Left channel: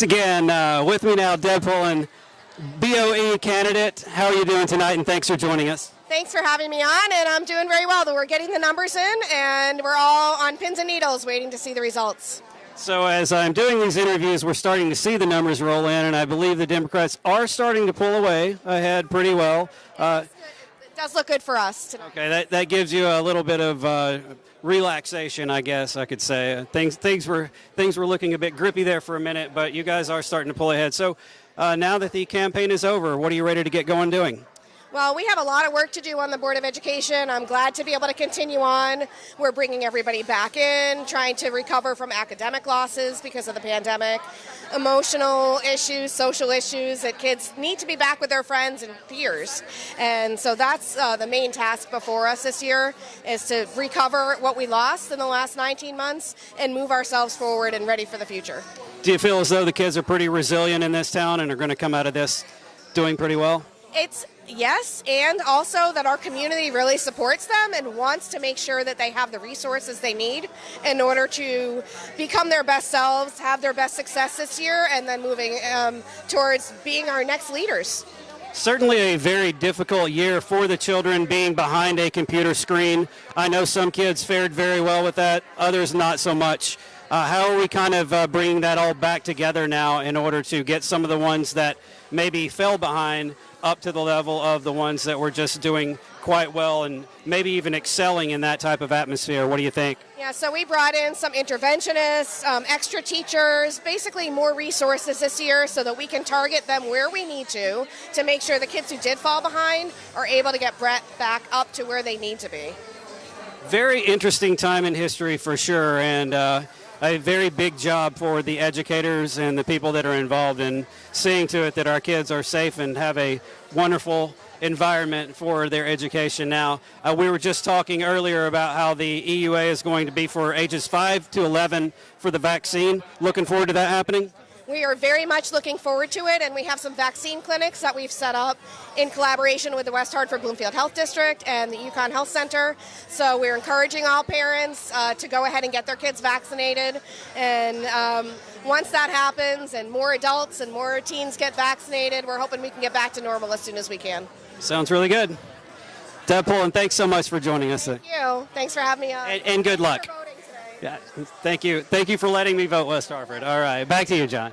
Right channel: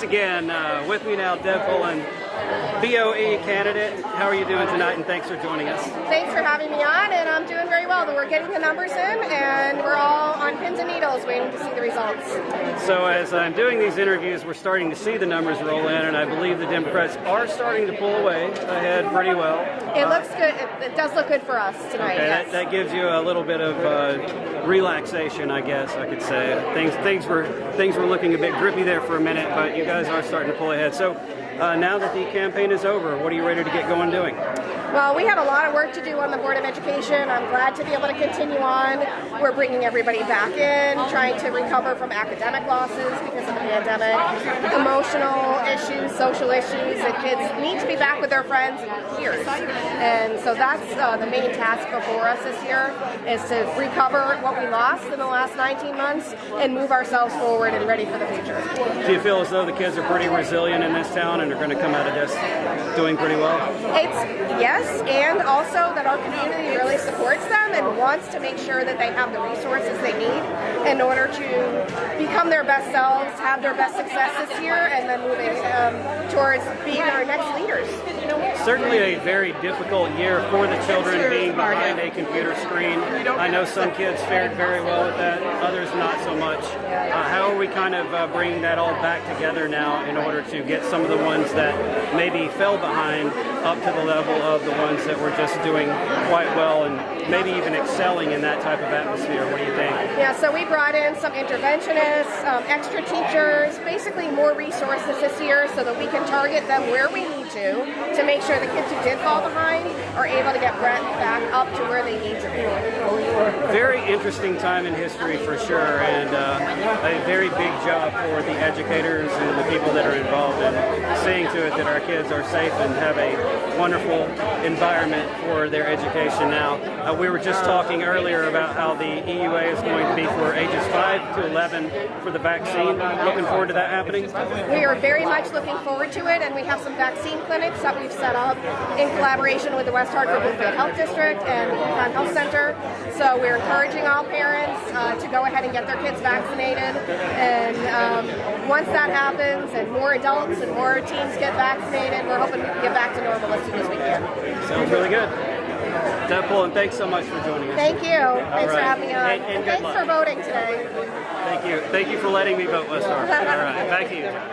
Thanks again. With me now, Deb Polun, BOE candidate. How are you doing tonight, and thanks for joining us? Thanks for having me on, and I'm doing very well. We're getting the numbers in, and we're all on pins and needles waiting to see the results. So as I'm doing these interviews, we're starting to see the numbers roll in, and I believe the Democrats are starting to pull away ahead pretty well. It looks good. It does look good for us tonight. Okay, yes. that gives you a little bit of relaxation, I guess I could say. Things were looking a bit grippy there for a minute, but you guys are starting to pull ahead. So now that the campaign is over, what are you ready to get going doing? Well, we have a lot of work to do on the Board of Education. I'm glad to be able to continue on. We're bringing everybody back in, trying to recover from academic losses because of the pandemic, emotional issues, social issues, and kids need to be back with their friends and peers. And so that's the main task before us this year, is to recover what we lost in the last 19 months and move ourselves forward and ready for the future. Do you feel as though the kids are pretty resilient in this town and are going to come out of this doing pretty well? It's yes, and also that our community really supports them and wants to make sure that they have the resources they need in order to become their best selves, have their best success this year, and then moving towards being our next leaders. Certainly a very difficult year for the children being behind a computer screen. I know some kids fared very well with that, others not so much. How are we kind of bringing that all back together now in order to get some of the ones that maybe fell behind up to the level of the ones that were just doing quite well and maybe even excelling in that type of atmosphere? What do you think? Yeah, so we brought in some interventionists, extra teachers, basically more resources this year so that we can target them where we need to make sure the kids who did fall behind are able to get back up to where they need to be. Very interesting time in history for sure, and a very big job for the educators and the people that are involved in seeing to it that our kids are safe and have a wonderful environment for their education now. We were just talking earlier about how the EUA is going to be for ages 5 to 11 for the vaccine. Looking forward to that happening? We are very much looking forward to it, and we have some vaccine clinics that we've set up in collaboration with the West Hartford Bloomfield Health District and the Yukon Health Center. So we're encouraging all parents to go ahead and get their kids vaccinated. And once that happens and more adults and more teens get vaccinated, we're hoping we can get back to normal as soon as we can. Sounds really good. Deb Polun, thanks so much for joining us. Thank you. Thanks for having me on. And good luck. Thanks for voting today. Thank you. Thank you for letting me vote, West Hartford. All right. Back to you, John.